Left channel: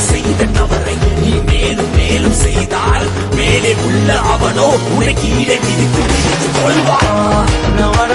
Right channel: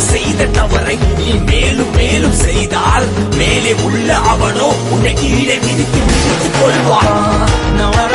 செய்த தவறை நீ மேலும் மேலும் செய்தால் மேலே உள்ள அவனோ உன்னை கீழே விரித்து கொள்வான்.